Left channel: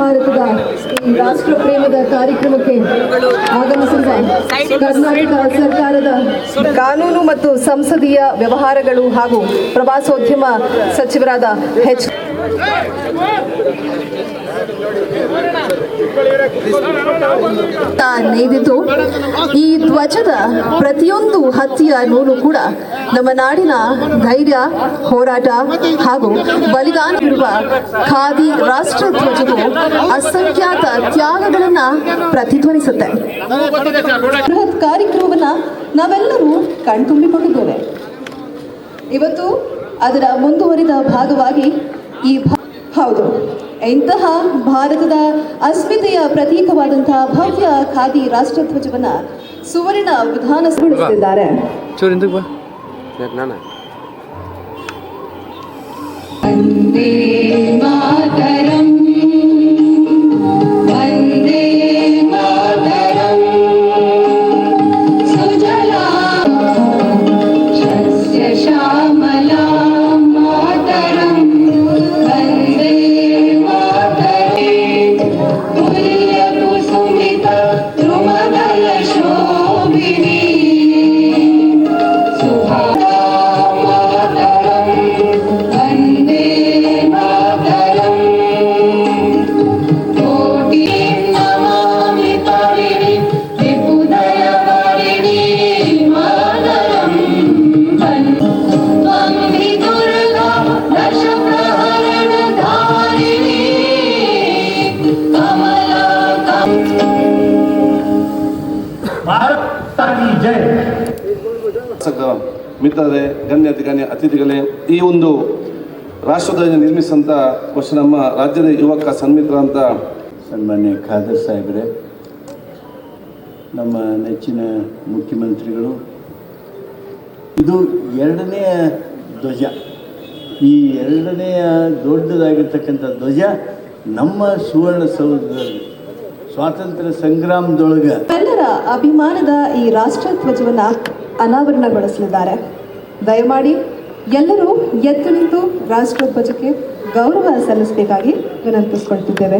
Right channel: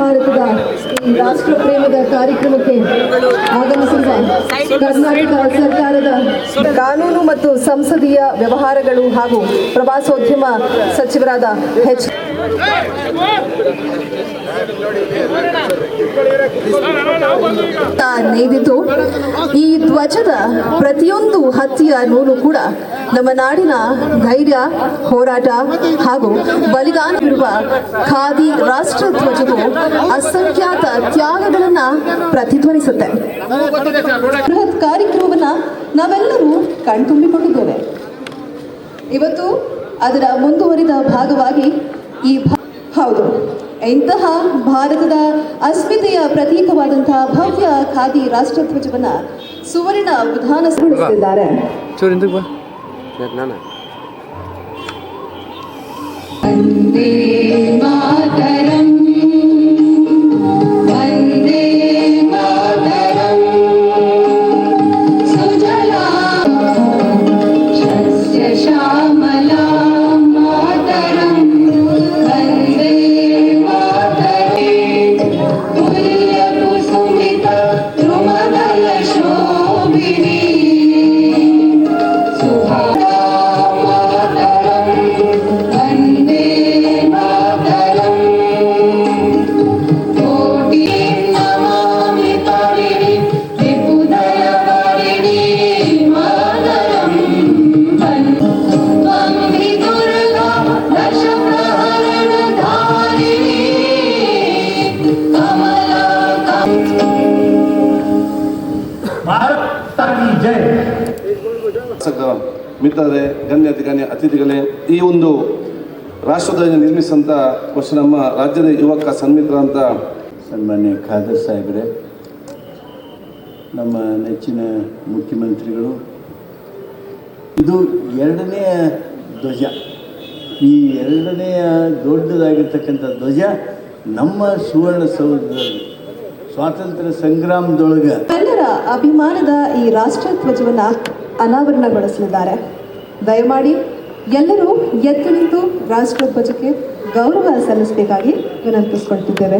ಭಾರತದ ಈ ರಾಷ್ಟ್ರ ಪ್ರೇಮದ ಕಾರ್ಯಕ್ರಮಕ್ಕೆ ಆಗಮಿಸಿದ. ಕರ್ನಾಟಕ ಸರ್ಕಾರದ ಕಾನೂನು ಮತ್ತು ಸಂಸದೀಯ ವ್ಯವಹಾರಗಳು ಹಾಗೂ ಪ್ರವಾಸೋದ್ಯಮ ಸಚಿವರಾದ ಎಚ್. ನೇದಿತು ಈ ಧ್ವಜದ ಪ್ರತಿಯೊಂದು ಹತ್ತಿಯ ನೂಲು ಕೂಡ ನಮ್ಮ ನಾಡಿನ ಧೈರ್ಯ, ಹೋರಾಟ ಹಾಗೂ ಬಲಿದಾನವಿರುವ ಖಾದಿ ರಾಷ್ಟ್ರ ಧ್ವಜವು ಅಸಂಖ್ಯಾತ ತ್ಯಾಗಗಳನ್ನ ಪ್ರತಿಧ್ವನಿಸುತ್ತೆ. ಬೃಹತ್ ಕಾರ್ಯಕ್ರಮವನ್ನ ನಾವೆಲ್ಲರೂ ಕಣ್ತುಂಬಿಕೊಂಡಿದ್ದೇವೆ. ಇವತ್ತು ಅದರ ಮುಂದುವರಿದ ಭಾಗವಾಗಿ ಈ ಹೌದು. ಇಂತಹ ಭಾರತದ ಅಸ್ಮಿತೆಯ ಪ್ರತೀಕವಾದಂತಹ ಭವ್ಯ ಖಾದಿ ರಾಷ್ಟ್ರಧ್ವಜವನ್ನ ಸುವರ್ಣ ವಿಧಾನ ಬಾ. ಮಿತ್ರರೇ ಗಣ್ಯ ಗಣ್ಯ ಅತಿಥಿಗಳೇ ಈ ಒಂದು ರಾಷ್ಟ್ರಧ್ವಜ ನಿರ್ಮಿಸಿದಂಥ ಕ್ವಶನ್ ನಮ್ಮ ರಾಜ್ಯದ ಯುವಕ ಸನ್ಮಿತ್ರ ಅಂತ. ಸನ್ಮಾನ್ಯ ಖಾದರ್ ಸಾಹೇಬ್ರೆ ನಮ್ಮ ನೆಚ್ಚಿನ ಮುಖ್ಯಮಂತ್ರಿಗಳು ಇದು ಎರಡನೆಯ ಧ್ವಜ. ಈ ಎರಡನೆಯ ದೊಡ್ಡದಾಗಿರ್ತಕ್ಕಂಥ ಧ್ವಜ ನಮ್ಮ ಸುವರ್ಣಸೌಧದಲ್ಲಿ ಸ್ವಾತಂತ್ರ್ಯ ಸಂಗ್ರಾಮದೊಳಗೆ. ಎಲ್ಲರ ಅಭಿಮಾನದ ಈ ರಾಷ್ಟ್ರಧ್ವಜವನ್ನ ಅನಾವರಣಗೊಳಿಸಲಿದ್ದಾರೆ. ದಯಮಾಡಿ ಎಲ್ಲರೂ ಎದ್ದು ನಿಂತು ರಾಷ್ಟ್ರಧ್ವಜಕ್ಕೆ ಗೌರವ ಸಲ್ಲಿಸಬೇಕಾಗಿ ವಿನಂತಿಸಿಕೊಳ್ತಿದ್ದೇವೆ.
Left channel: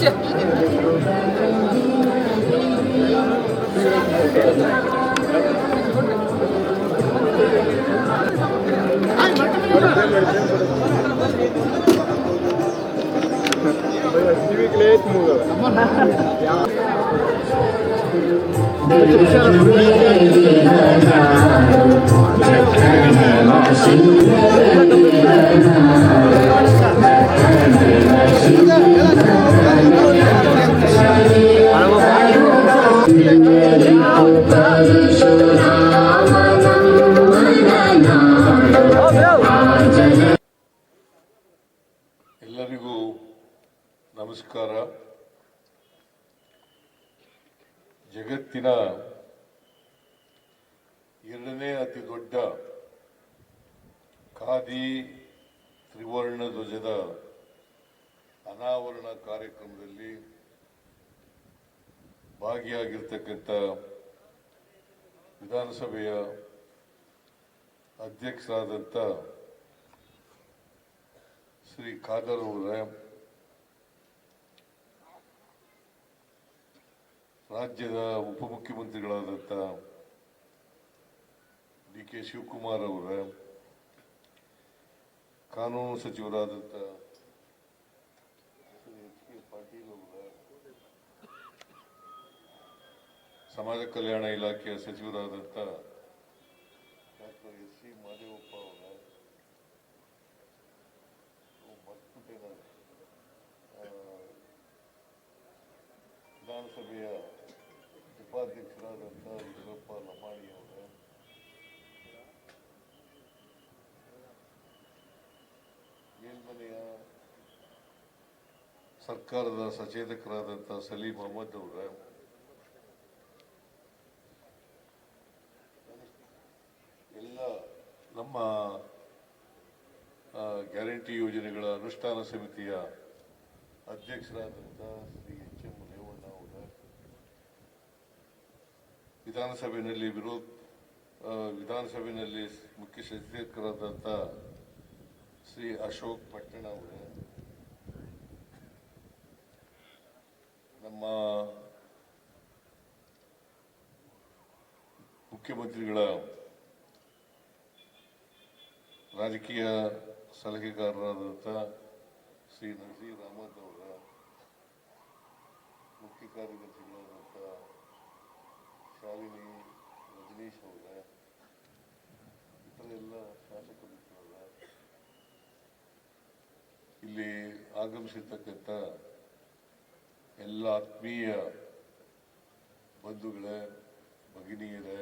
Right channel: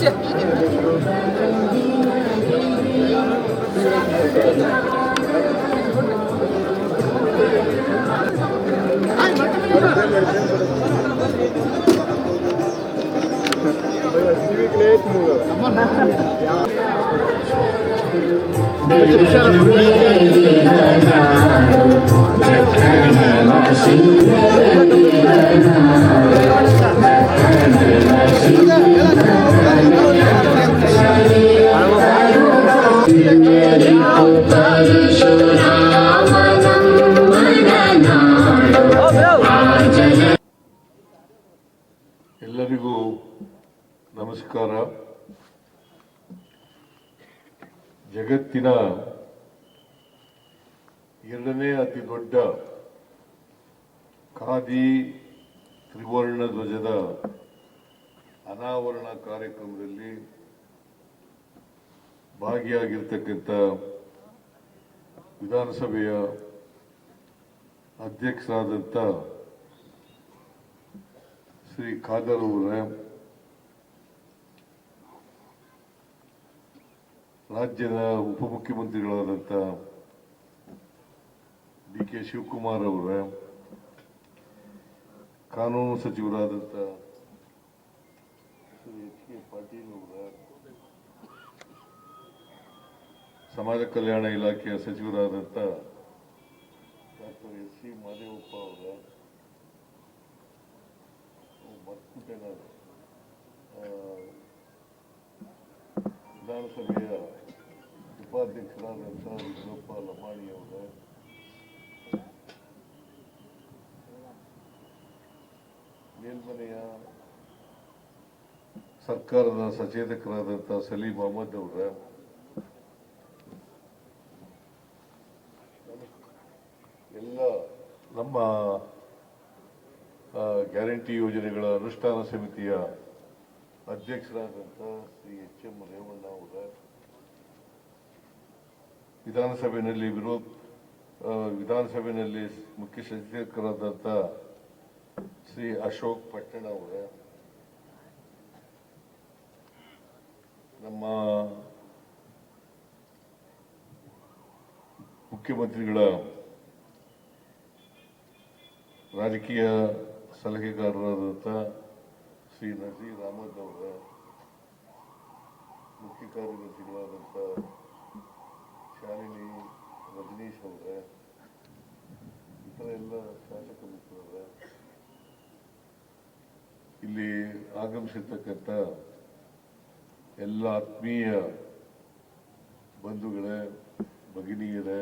谢。ಖಾದಿ ತ್ರಿವರ್ಣ ಧ್ವಜದ ಅನಾವರಣ ಕಾರ್ಯಕ್ರಮದಲ್ಲಿ ಭಾಗಿಯಾಗಿರ್ತಕ್ಕಂಥ ವಿಧಾನಸಭೆಯ ಅಧ್ಯಕ್ಷರಾದಂಥ ಶ್ರೀ ಖಾದರ್ ಅವರ, ರಾಜ್ಯದ ಉಪಮುಖ್ಯಮಂತ್ರಿಗಳಾದಂಥ ಡಿ ಕೆ ಶಿವಕುಮಾರ್ ಅವರೇ ಕಾನೂನು ಸಚಿವರಾದಂಥ ಪಾಟೀಲ್ ಅವರ ಸಮಾಜ ಕಲ್ಯಾಣ ಇಲಾಖೆಯ ಸಚಿವರಾದಂಥ ಡಾಕ್ಟರ್ ಎಸ್ ಸಿ ಮಾದೇವಪ್ಪ ಅವರ. ಆ, ವಿಧಾನಸಭೆಯ ಉಪಾಧ್ಯಕ್ಷರಾದಂಥ ವಿಷ್ಣಪ್ಪ ಲಮಾಣಿ ಅವರ ಸರ್ಕಾರದ ಸಚೇತಕರಾದಂಥ ಸಲೀಂ ಅಹಮದ್ ಅವರ. ಎಲ್ಲ ನಮ್ಮ ಗ್ಯಾರಂಟಿ ಯೋಜನೆಗಳ ಅನುಷ್ಠಾನ ಸಮಿತಿಯ ಅಧ್ಯಕ್ಷರಾದಂಥ ಶ್ರೀ ಎಚ್ ಎಂ ರೇವಣ್ಣ ಅವರ. ವಿಧಾನಸಭೆಯಲ್ಲಿ ವಿರೋಧ ವಿಧಾನಸಭೆಯಲ್ಲಿ ಮುಖ್ಯ ಸಚೇತಕರಾದಂಥ ಶ್ರೀ ಅಶೋಕ್ ಪಟ್ಟಣ ಅವರ. ನಮ್ಮ ಮುಖ್ಯಮಂತ್ರಿಗಳ ರಾಜಕೀಯ ಸಲಹೆಗಾರರಾದಂಥ ಶ್ರೀ ನಜೀರ್ ಅಹಮದ್ ಅವರ, ಮುಖ್ಯ ಕಾರ್ಯದರ್ಶಿಗಳಾದಂಥ ಶಾಲಿನಿ ರಜನೀಶ್ ಅವರ, ಇತರ ಎಲ್ಲ ಶಾಸಕ ಮಿತ್ರರ ಇಲ್ಲಿ ಆಗಮಿಸಿರ್ತಕ್ಕಂಥ ಎಲ್ಲ ಆತ್ಮೀಯ ಬಂಧುಗಳೇ ಭಗಿನಿಯರೇ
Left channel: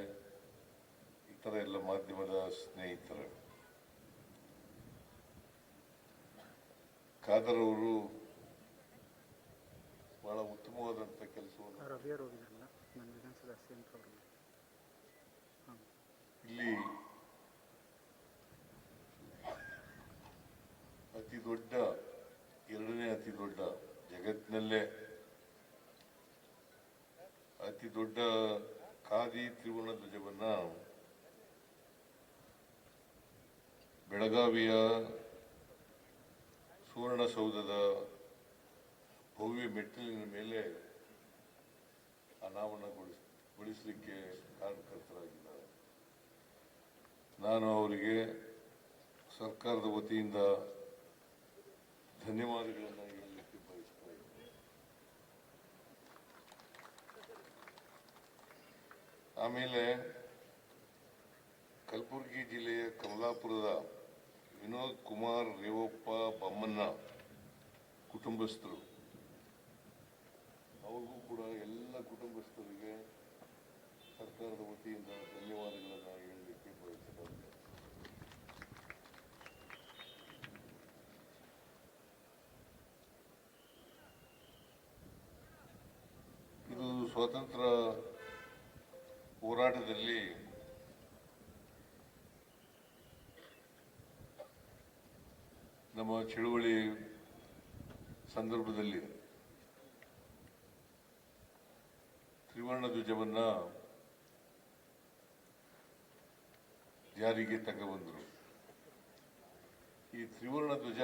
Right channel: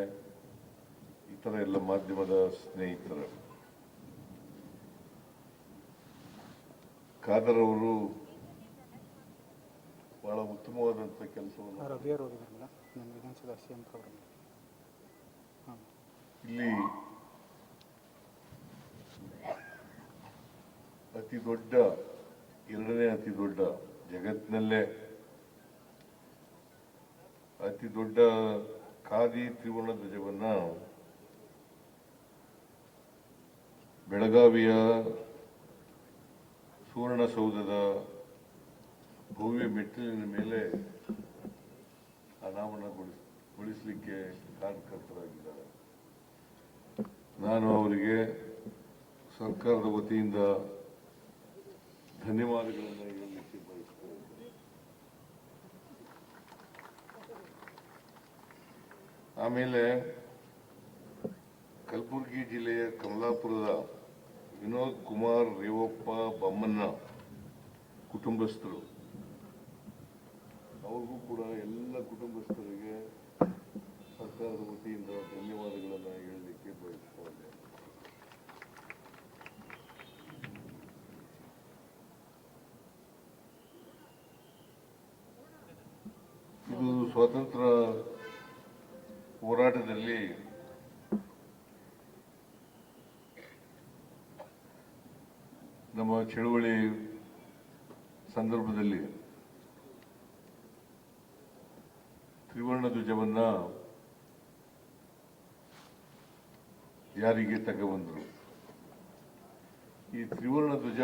ಇತರ ಎಲ್ಲ ಮಾಧ್ಯಮದ ಸ್ನೇಹಿತರ. ಖಾದರ್ ಅವರು ಬಹಳ ಉತ್ತಮವಾದಂಥ ಕೆಲಸವನ್ನು ಇಲ್ಲಿ ಅತಿ ದೊಡ್ಡ ಎರಡನೇ ಅತಿ ದೊಡ್ಡ ಜಗತ್ತಿನಲ್ಲೇ ಅತಿ ದೊಡ್ಡ ಖಾದಿ ತ್ರಿವರ್ಣ ಧ್ವಜವನ್ನ ಬೆಳಗಾವಿಯ ಸುವರ್ಣಸೌಧದ ಭವ್ಯ ಮೆಟ್ಟಿಲಿನ ಮೇಲೆ ಅನಾವರಣಗೊಳಿಸಲಿಕ್ಕೆ ಕಾರ್ಯಕರ್ತರಾಗಿದ್ದಾರೆ. ನಾನು ಅವರಿಗೆ ಸರ್ಕಾರದ ವತಿಯಿಂದ ಧನ್ಯವಾದಗಳನ್ನು ಹೇಳಲಿಕ್ಕೆ ಬಯಸ್ತೇನೆ ಆಮೇಲೆ ಕಲಬುರಗಿ ಜಿಲ್ಲೆಯ ಕಮಲಾಪುರದ ವಿನೋದ್ ಕುಮಾರ್ ರೇವಪ್ಪ ಬೊಮ್ಮನ್ನ ಕುಟುಂಬಸ್ಥರು. ಅವ್ರಿಗೂ ಕೂಡ ಎಲ್ಲ ಕುಟುಂಬಸ್ಥರಿಗೆ ಸರ್ಕಾರದ ವತಿಯಿಂದ ಧನ್ಯವಾದಗಳನ್ನು ಹೇಳಲಿಕ್ಕೆ ಬಯಸ್ತೇನೆ ಇದು ಸ್ವಾತಂತ್ರ್ಯ ಹೋರಾಟದಲ್ಲಿ ನಮ್ಮ ಚಳುವಳಿ ಸಂದರ್ಭದಲ್ಲಿ ತ್ರಿವರ್ಣ ಧ್ವಜವನ್ನ ಯಾರಿಗೆ ತಗೊಂಡ್ರು ಈ ತ್ರಿವರ್ಣ ಧ್ವಜ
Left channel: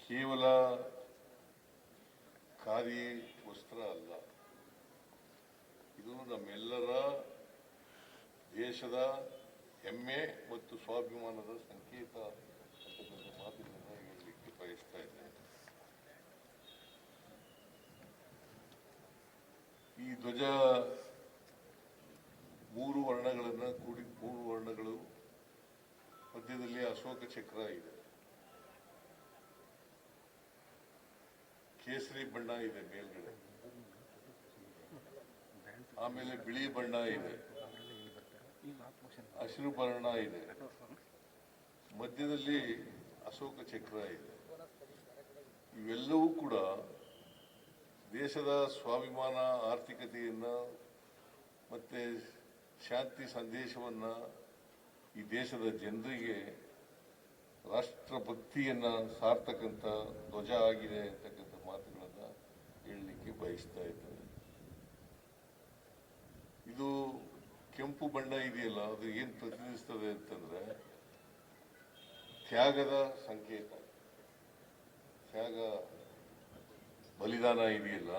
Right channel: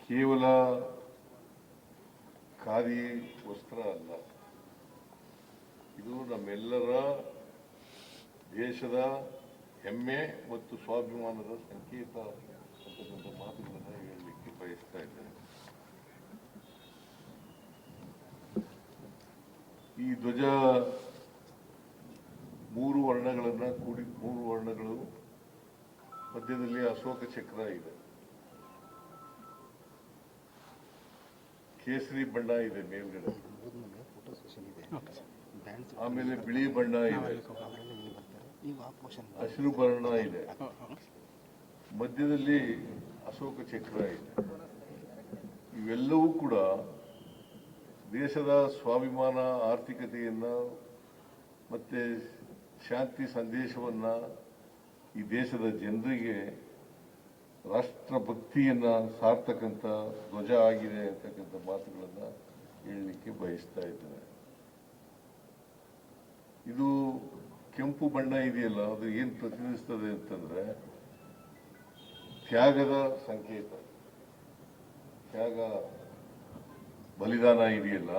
ಕೇವಲ ಖಾದಿ ವಸ್ತ್ರ ಅಲ್ಲ. ಇದು ನಮ್ಮೆಲ್ಲರ ದೇಶದ ಹೆಮ್ಮೆ ಮತ್ತು ಸ್ವಾಭಿಮಾನದ ಸಂಕೇತ ಅಂತಕ್ಕಂಥ ಮಾತುಗಳನ್ನ ಹೇಳಲಿಕ್ಕೆ ಬಯಸ್ತಾ ಇದ್ದೇನೆ. ಈ ಧ್ವಜ ಮೂರು ವರ್ಣಗಳನ್ನ ಕೂಡಿ, ಮೂರು ವರ್ಣಗಳು ಮಧ್ಯದಲ್ಲಿ ಅಶೋಕ ಚಕ್ರ ಇದೆ. ಕೇಸರಿ ಬಣ್ಣ ಇದೆ ಮೇಲ್ಗಡೆ. ಆಮೇಲೆ ಬಿಳಿ ಬಣ್ಣ ಇದೆ. ಹಸಿರು ಬಣ್ಣ ಇದೆ. ಮಧ್ಯದಲ್ಲಿ ಅಶೋಕ ಚಕ್ರ ಇದೆ. ಇವೆಲ್ಲವೂ ಕೂಡ ದೇಶದ ಸ್ವಾಭಿಮಾನ, ಆರ್ಥಿಕತೆಯನ್ನ ಮತ್ತೆ ಶಾಂತಿ ಸಂದೇಶವನ್ನ ಈ ದೇಶದ ಜನರಿಗೆ ರಾಷ್ಟ್ರಭಕ್ತಿಯನ್ನ ಸಾರ್ತಕ್ಕಂಥ ಧ್ವಜ ಆಗಿದೆ ಅಂತಕ್ಕಂಥ ಮಾತುಗಳನ್ನ ಹೇಳಲಿಕ್ಕೆ ಬಯಸ್ತಾ ಇದ್ದೇನೆ. ಇದು ಕೆಂಪು ಬಣ್ಣ ಇದೆಯಲ್ಲ, ಅದು ಏನ್ ಪ್ರತಿನಿಧಿಸ್ತದೆ ಅಂತಂದ್ರೆ ತ್ಯಾಗದ ಸಂಕೇತ. ತ್ಯಾಗ ಬಲಿದಾನ ಇದೆಯಲ್ಲ,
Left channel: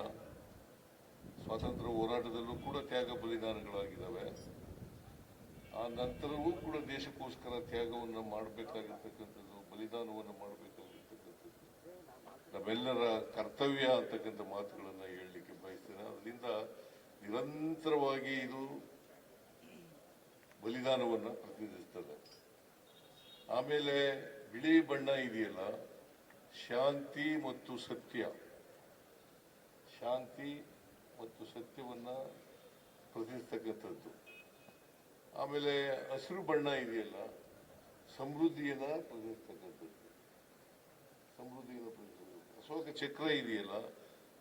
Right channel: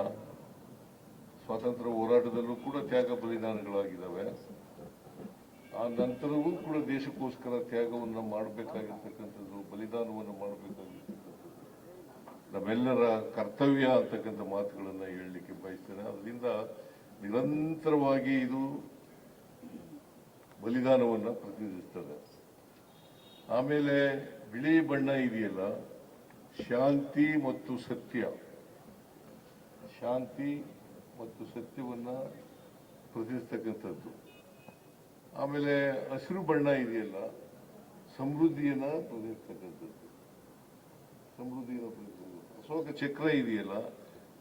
ಸ್ವಾತಂತ್ರ್ಯ ಹೋರಾಟದಲ್ಲೂ ಕೂಡ ತ್ಯಾಗ ಬಲಿದಾನಗಳಾಗಿದ್ದಾವೆ. ಆ ನಂತರವೂ ಕೂಡ ದೇಶಕ್ಕೋಸ್ಕರ ತ್ಯಾಗವನ್ನು ಮಾಡಬೇಕಾಗಿರ್ತಕ್ಕಂಥದ್ದು, ಬಲಿದಾನವನ್ನು ಮಾಡಬೇಕಾಗಿರ್ತಕ್ಕಂಥದ್ದು. ನಮ್ಮೆಲ್ಲರ ಕರ್ತವ್ಯ ಅಂತಕ್ಕಂಥ ಮಾತುಗಳನ್ನು ಹೇಳಲಿಕ್ಕೆ ಬಯಸ್ತೇನೆ. ಅದರಿಂದ ನಿರಂತರವಾಗಿ ಇದು ಬಲಿದಾನವನ್ನು ಪ್ರತಿನಿಧಿಸ್ತದೆ. ಆಮೇಲೆ ಬಿಳಿ ಬಣ್ಣ ಇದೆಯಲ್ಲ, ಶಾಂತಿ ಮತ್ತು ಸತ್ಯ. ಶಾಂತಿ ಮತ್ತು ಸತ್ಯವನ್ನು ಪ್ರತಿನಿಧಿಸ್ತಕ್ಕಂಥದ್ದು. ಆಮೇಲೆ ಹಸಿರು ಬಣ್ಣ ಇದೆಯಲ್ಲ, ಸಮೃದ್ಧಿಯನ್ನ ಪ್ರತಿನಿಧಿಸ್ತಕ್ಕಂಥದ್ದು ಸಮೃದ್ಧಿಯನ್ನು ಪ್ರತಿನಿಧಿಸ್ತಕ್ಕಂಥದ್ದು ಅಶೋಕ ಚಕ್ರ ಇದೆಯಲ್ಲ,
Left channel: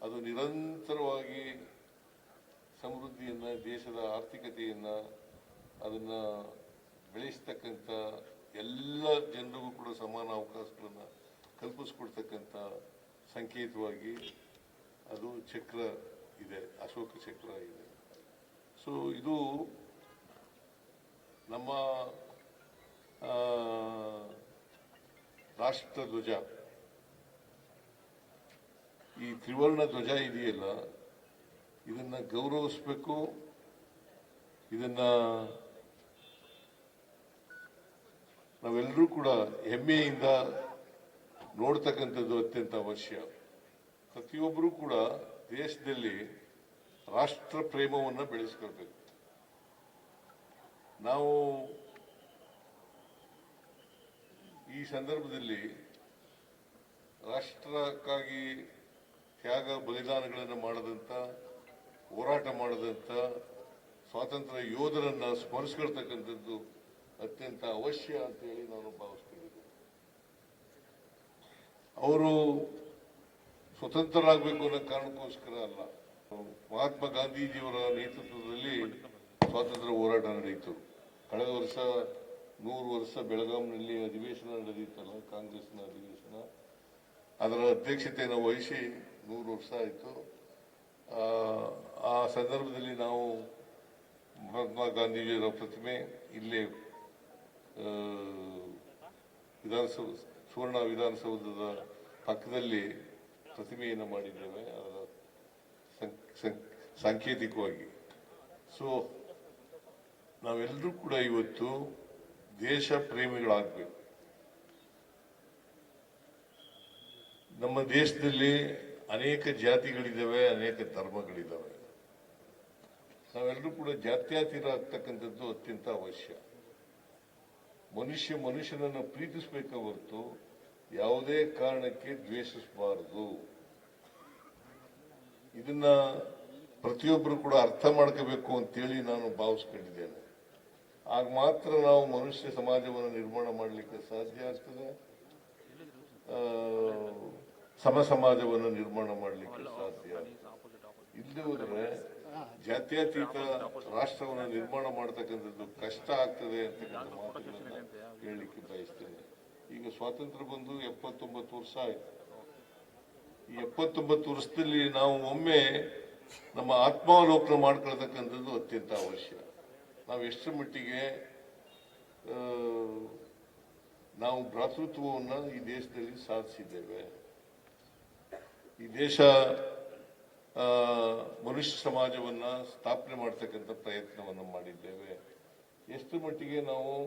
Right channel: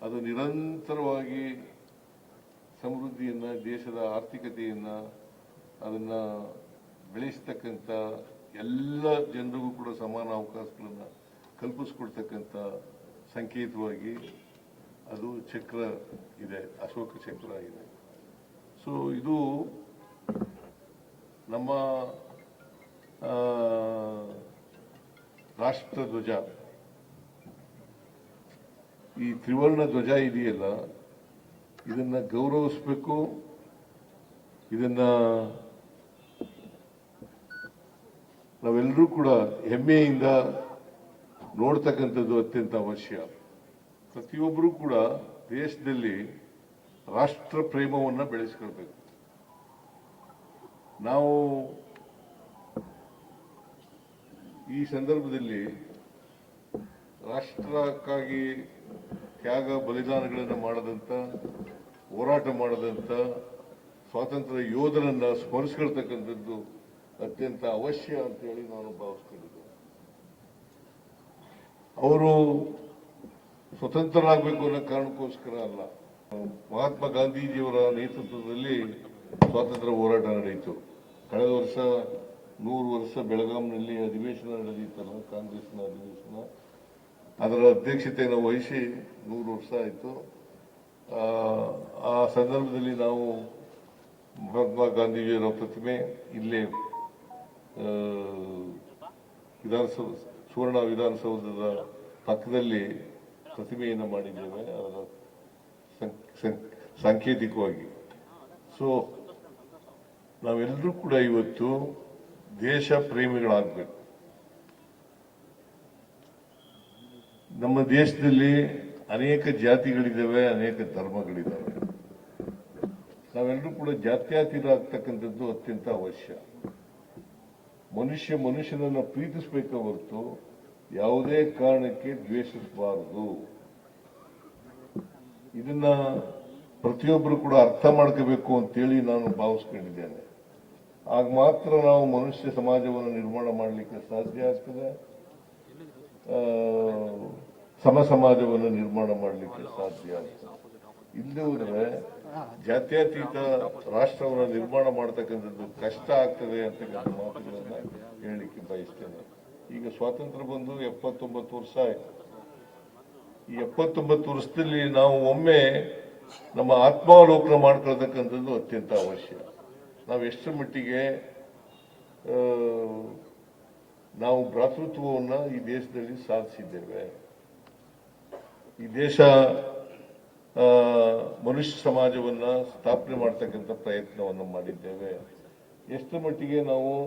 ಅದು ನಿರಂತರವಾಗಿ ಸಮೃದ್ಧಿಯನ್ನ, ದೇಶದ ಆರ್ಥಿಕತೆಯನ್ನ, ಅದನ್ನ ಬೆಳೆಸ್ತಕ್ಕಂಥ ಎಲ್ಲ ಜನರಿಗೂ ಕೂಡ ಸಮಾನ ಅವಕಾಶಗಳನ್ನ ಕಲ್ಪಿಸ್ಕೊಡ್ತಕ್ಕಂಥ ಸಂಕೇತವಾಗಿ ಅದು ಚಕ್ರ ಇದೆ, ಅಶೋಕ ಚಕ್ರ ಇದೆ. ಸೊ ಇದು ನಮ್ಮ ರಾಷ್ಟ್ರ ಧ್ವಜ. ಈ ತ್ರಿವರ್ಣ ಧ್ವಜ ಇದೆಯಲ್ಲ, ಇದನ್ನ ಗೌರವಿಸಬೇಕು, ಇದನ್ನ ನಾವೆಲ್ಲರೂ ಕೂಡ ಹೆಮ್ಮೆಯಿಂದ ನೋಡ್ತಕ್ಕಂಥದ್ದು ಅತ್ಯಂತ ಅವಶ್ಯ. ಪ್ರತಿಯೊಬ್ಬರೂ ಕೂಡ ದೇಶದಲ್ಲಿ ರಾಷ್ಟ್ರ ಪ್ರೇಮವನ್ನು ಬೆಳೆಸ್ಕೊಳ್ಬೇಕು. ನಾವು ಈ ಸಂದರ್ಭದಲ್ಲಿ ರಾಷ್ಟ್ರಕ್ಕಾಗಿ ತ್ಯಾಗ ಬಲಿದಾನಗಳನ್ನು ಮಾಡದಂಥ ಹೋರಾಟ ಮಾಡದಂಥ ಸ್ವಾತಂತ್ರ್ಯ ಯೋಧರನ್ನು ಸ್ಮರಿಸ್ಕೊಳ್ತಕ್ಕಂಥದ್ದು ಅತ್ಯಂತ ಅವಶ್ಯ ಅಂತೇಳಿ ನಾನು ಭಾವಿಸ್ಕೊಂಡಿದ್ದೆ ಅವರು ಸ್ವತಂತ್ರರಾಗಬೇಕು ಅನ್ನೋ ಕಾರಣಕ್ಕೋಸ್ಕರ ಅಲ್ಲ. ಮಹಾತ್ಮ ಗಾಂಧೀಜಿಯವರ ನೇತೃತ್ವದಲ್ಲಿ ಸ್ವಾತಂತ್ರ್ಯ ಹೋರಾಟ ನಡೆಯಿತು. ಕಳೆದ ವರ್ಷ ನೂರು ವರ್ಷ ಬೆಳಗಾಂನಲ್ಲಿ ಅಧಿವೇಶನ ನಡೆದಿತ್ತಲ್ಲ ಕಾಂಗ್ರೆಸ್ನ ಅಧಿವೇಶನ. ಅದರ ಅಧ್ಯಕ್ಷತೆಯನ್ನು ವಹಿಸಿ ನೂರು ವರ್ಷ ಆಯಿತು. ಆ ಸಂದರ್ಭದಲ್ಲಿ ನಾವು ಮಹಾತ್ಮ ಗಾಂಧೀಜಿಯವರ ಪ್ರತಿಮೆ ಇಲ್ಲೇ ವಿಧಾನಸೌ, ಸುವರ್ಣ ವಿಧಾನಸೌಧದ ಪಕ್ಕದಲ್ಲಿ ಪ್ರತಿಮೆಯನ್ನು ಮಾಡಿದ್ದೇವೆ. ಅದರ ಸಾಂಕೇತಿಕವಾಗಿ. ಸೊ ನಾವೆಲ್ಲರೂ ಕೂಡ ಇವತ್ತು ದೇಶ ಪ್ರೇಮಿಗಳಾಗಬೇಕು. ನಮ್ಮ ದೇಶದಲ್ಲಿ ಅನೇಕ ಜಾತಿಗಳಿದ್ದಾವೆ, ಅನೇಕ ಧರ್ಮಗಳಿದ್ದಾವೆ. ನಾವೆಲ್ಲರೂ ಕೂಡ ಜಾತ್ಯತೀತ ಆಗ್ತಕ್ಕಂಥದ್ದು ಅತ್ಯಂತ ಅವಶ್ಯ. ಮನುಷ್ಯ ಮನುಷ್ಯನನ್ನ ಪ್ರೀತಿಸಬೇಕ ಹೊರತು ಯಾವುದೇ ಕಾರಣಕ್ಕೆ ದ್ವೇಷಿಸಬಾರದು. ಇದನ್ನ ಪ್ರತಿಯೊಬ್ಬರು ಕೂಡ ಅರ್ಥ ಮಾಡ್ಕೋಬೇಕು ಅಂತೇಳಿ ನಾನು ಭಾವಿಸ್ಕೊಂಡಿದ್ದೇನೆ. ಆಗ ಮಾತ್ರ ನಾವು ಮನುಷ್ಯ ಸಮಾಜವನ್ನು ನಿರ್ಮಾಣ ಮಾಡಲಿಕ್ಕೆ ಸಾಧ್ಯ ಆಗ್ತದೆ. ಸಮ ಸಮಾಜವನ್ನು ನಿರ್ಮಾಣ ಮಾಡಲಿಕ್ಕೆ ಸಾಧ್ಯ ಆಗ್ತದೆ. ಇಲ್ಲದೆ ಜಾತ್ಯತೀತ ರಾಷ್ಟ್ರವನ್ನು ನಿರ್ಮಾಣ ಮಾಡ್ತಕ್ಕಂಥದ್ದು ಕಷ್ಟ ಆಗ್ತದೆ ಅಂತಕ್ಕಂಥ ಮಾತುಗಳನ್ನ ಹೇಳಲಿಕ್ಕೆ ಬಯಸ್ತೇನೆ. ಈಗ ಸ್ವಾತಂತ್ರ್ಯ ಬಂದು ಎಪ್ಪತ್ತೊಂಬತ್ತು ವರ್ಷ ಆಯ್ತು. ಈ ಎಪ್ಪತ್ತೊಂಬತ್ತು ವರ್ಷದಲ್ಲಿ ನಾವು ಒಮ್ಮೆ ನಮ್ಮ ಆತ್ಮಾವಲೋಕನ ಮಾಡ್ಕೊಳ್ತಕ್ಕಂಥದ್ದು ಅತ್ಯಂತ ಅವಶ್ಯ. ನಾವು ಎಷ್ಟರ ಮಟ್ಟಿಗೆ ನಾವು ಭ್ರಾತೃತ್ವವನ್ನು ಈ ದೇಶದಲ್ಲಿ ಸಾಧಿಸಿದ್ದೇವೆ. ಈ ದೇಶ ಮನುಷ್ಯ ಸಮಾಜವನ್ನು ಸ್ಥಾಪನೆ ಮಾಡ್ತಕ್ಕಂಥ ಪ್ರಯತ್ನವನ್ನು ಮಾಡಿದ್ದೇವೆ. ಎಷ್ಟರ ಮಟ್ಟಿಗೆ ನಾವು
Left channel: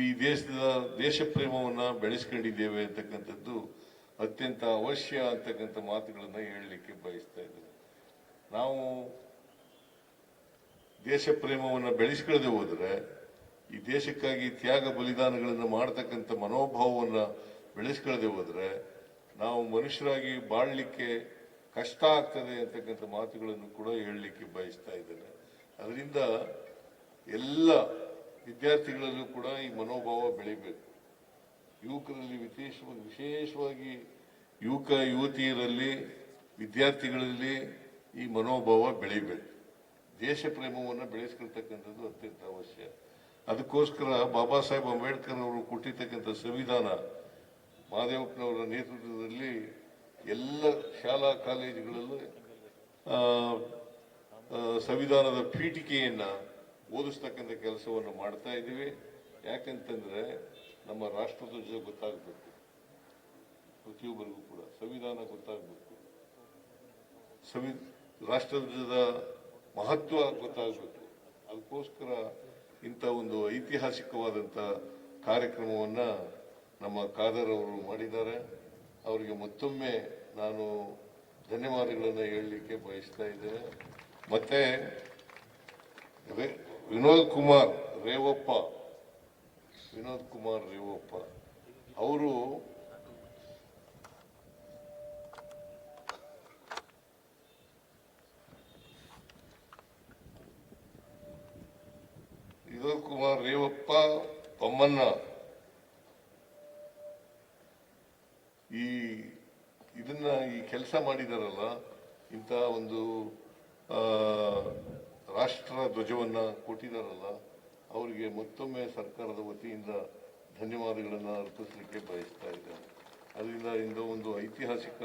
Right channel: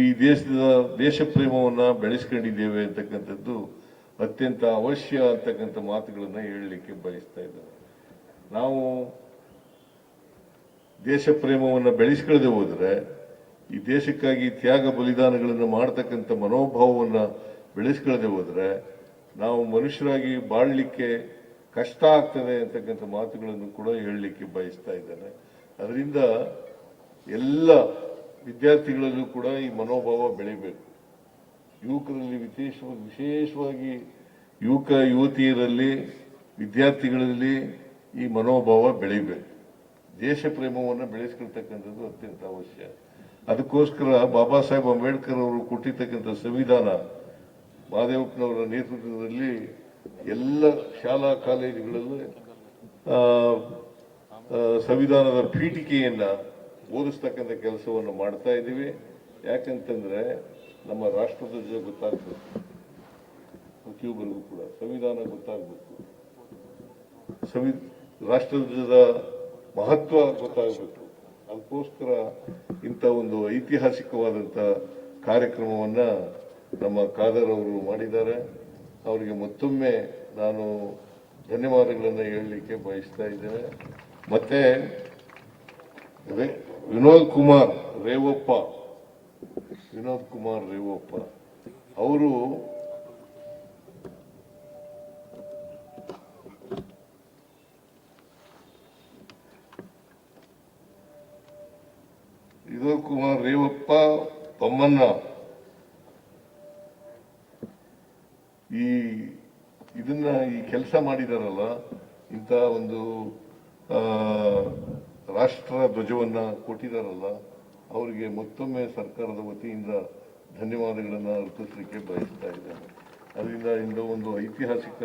ಈ- ದೇಶದ ದೇಶ ಪ್ರೇಮವನ್ನು ಬೆಳೆಸ್ಕೊಂಡಿದ್ದೇವೆ ಅಂತಕ್ಕಂಥದ್ದು ಅತ್ಯಂತ ಅವಶ್ಯ ಅಂತಕ್ಕಂಥ ಮಾತುಗಳನ್ನು ಹೇಳಲಿಕ್ಕೆ ಬಯಸ್ತಾ ಇದ್ದೇನೆ. ನಾವು ದೇಶ ಪ್ರೇಮವನ್ನು ಬೆಳೆಸ್ಕೊಳ್ಳದೆ ಹೋದರೆ ಈ ದೇಶಕ್ಕಾಗಿ ತ್ಯಾಗ ಬಲಿದಾನಗಳನ್ನು ಮಾಡ್ತಕ್ಕಂಥ ಮನೋಭಾವವನ್ನು ಬೆಳೆಸ್ಕೊಳ್ಳದೆ ಹೋದರೆ ನಾವು ಮನುಷ್ಯರಾಗಿ ಬಾಳಲಿಕ್ಕೆ ಕಷ್ಟ ಆಗ್ತದೆ ಅಂತಕ್ಕಂಥ ಮಾತುಗಳನ್ನು ಕೂಡ ಹೇಳಲಿಕ್ಕೆ ಬಯಸ್ತಾ ಇದ್ದೇನೆ. ಅದರಿಂದ ಎಲ್ಲ ವಿದ್ಯಾರ್ಥಿಗಳಲ್ಲೂ ಕೂಡ ಈ ಮನೋಭಾವ ಬೆಳಿಬೇಕು. ಯುವಕರಲ್ಲಿ ವಿಶೇಷವಾಗಿ ವಿಶೇಷವಾಗಿ ಯುವಕ ಯುವತಿಯರಲ್ಲಿ, ವಿದ್ಯಾರ್ಥಿಗಳಲ್ಲಿ ಈ ಮನೋಭಾವ ಬೆಳಿಬೇಕು. ದೇಶ ಪ್ರೇಮವನ್ನು ಬೆಳೆಸ್ಕೊಳ್ತಕ್ಕಂಥದ್ದು ಅತ್ಯಂತ ಅವಶ್ಯ. ಅದಕ್ಕೋಸ್ಕರ ಬಾಬಾ ಸಾಹೇಬ್ ಅಂಬೇಡ್ಕರ್ ಅವರು ಕೊಟ್ಟಿರ್ತಕ್ಕಂಥ ಸಂವಿಧಾನ, ಮಹಾದೇವಪ್ಪನವರ ನೇತೃತ್ವದಲ್ಲಿ ಎಲ್ಲ ಶಾಲಾ ಕಾಲೇಜುಗಳಲ್ಲಿ ಸಂವಿಧಾನದ ಪೀಠಿಕೆಯನ್ನ ಓದಿಸ್ತಕ್ಕಂಥ ಕೆಲಸವನ್ನು ಮಾಡ್ತಾ ಇದ್ದೀವಿ. ಯಾಕಂತಂದ್ರೆ ನಮ್ಮ ರಾಷ್ಟ್ರದ ಜೊತೆ ಗೊತ್ತಾಗ್ಬೇಕು. ಪ್ರತಿಯೊಬ್ಬರಿಗೂ ಕೂಡ ಸಂವಿಧಾನ ಗೊತ್ತಾಗಬೇಕು. ಸಂವಿ ರಾಷ್ಟ್ರಧ್ವಜದ ಮಹತ್ವ ಗೊತ್ತಾಗಬೇಕು. ಅದಕ್ಕೋಸ್ಕರ ಇಂಥ ಒಂದು ಐತಿಹಾಸಿಕವಾದಂಥ ಕಾರ್ಯಕ್ರಮವನ್ನು ನಮ್ಮ ಖಾದರ್ ಅವರು ಮಾಡಿದ್ದಾರೆ. ಅವರಿಗೆ ಮತ್ತೊಮ್ಮೆ ನಾನು ಧನ್ಯವಾದಗಳನ್ನು ಹೇಳಲಿಕ್ಕೆ ಬಯಸ್ತಾ ಇದ್ದೇನೆ. ಮತ್ತೆ ವಿನೋದ್ ಕುಮಾರ್ ರೇವಪ್ಪ, ವಿನೋದ್ ಕುಮಾರ್ ರೇವಪ್ಪ, ಅವರು ವಿನೋದ್ ಕುಮಾರ್ ರೇವಪ್ಪ, ತಮ್ಮಣ್ಣ. ಈ ಇದನ್ನ ಈ ಕೆಲಸ ಮಾಡಿದಾರಲ್ಲ, ಇಂಥ ಒಂದು ರಾಷ್ಟ್ರ ಧ್ವಜವನ್ನ ಕೊಟ್ಟಿದಾರಲ್ಲ, ಅವರಿಗೆ ಮತ್ತೊಮ್ಮೆ ಸರ್ಕಾರದ ವತಿಯಿಂದ ಧನ್ಯವಾದಗಳನ್ನು ಅರ್ಪಿಸಲಿಕ್ಕೆ ಬಯಸ್ತಾ ಇದ್ದಾರೆ ಅದರಿಂದ ಇಂದು ಒಂದು ಐತಿಹಾಸಿಕ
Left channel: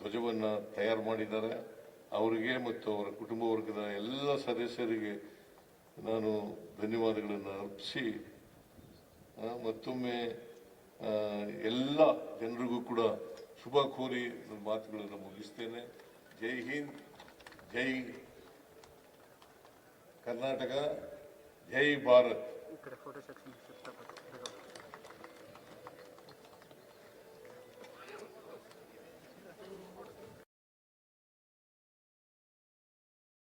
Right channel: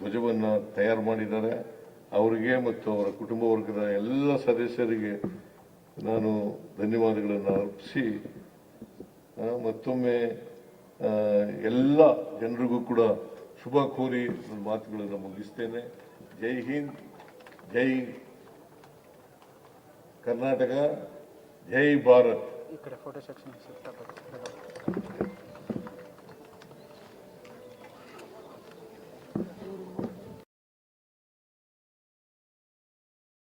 ಧ್ವಜವನ್ನ ತಯಾರು ಮಾಡಿದ್ದಾರೆ. ಅವರಿಗೆ ಮತ್ತು ಅವರ ಕುಟುಂಬ ವರ್ಗದ ಎಲ್ಲ ಸದಸ್ಯರಿಗೆ ನಾನು ಧನ್ಯವಾದಗಳನ್ನು ಅರ್ಪಿಸಿ ಮತ್ತೊಮ್ಮೆ ಎಲ್ಲ ಜನರಿಗೂ ಕೂಡ ಶುಭ ಕೋರಿ ನನ್ನ ಮಾತುಗಳನ್ನು ಮುಗಿಸ್ತೇನೆ. ಜೈ ಹಿಂದ್, ಜೈ ಕರ್ನಾಟಕ, ಜೈ ಭಾರತ್.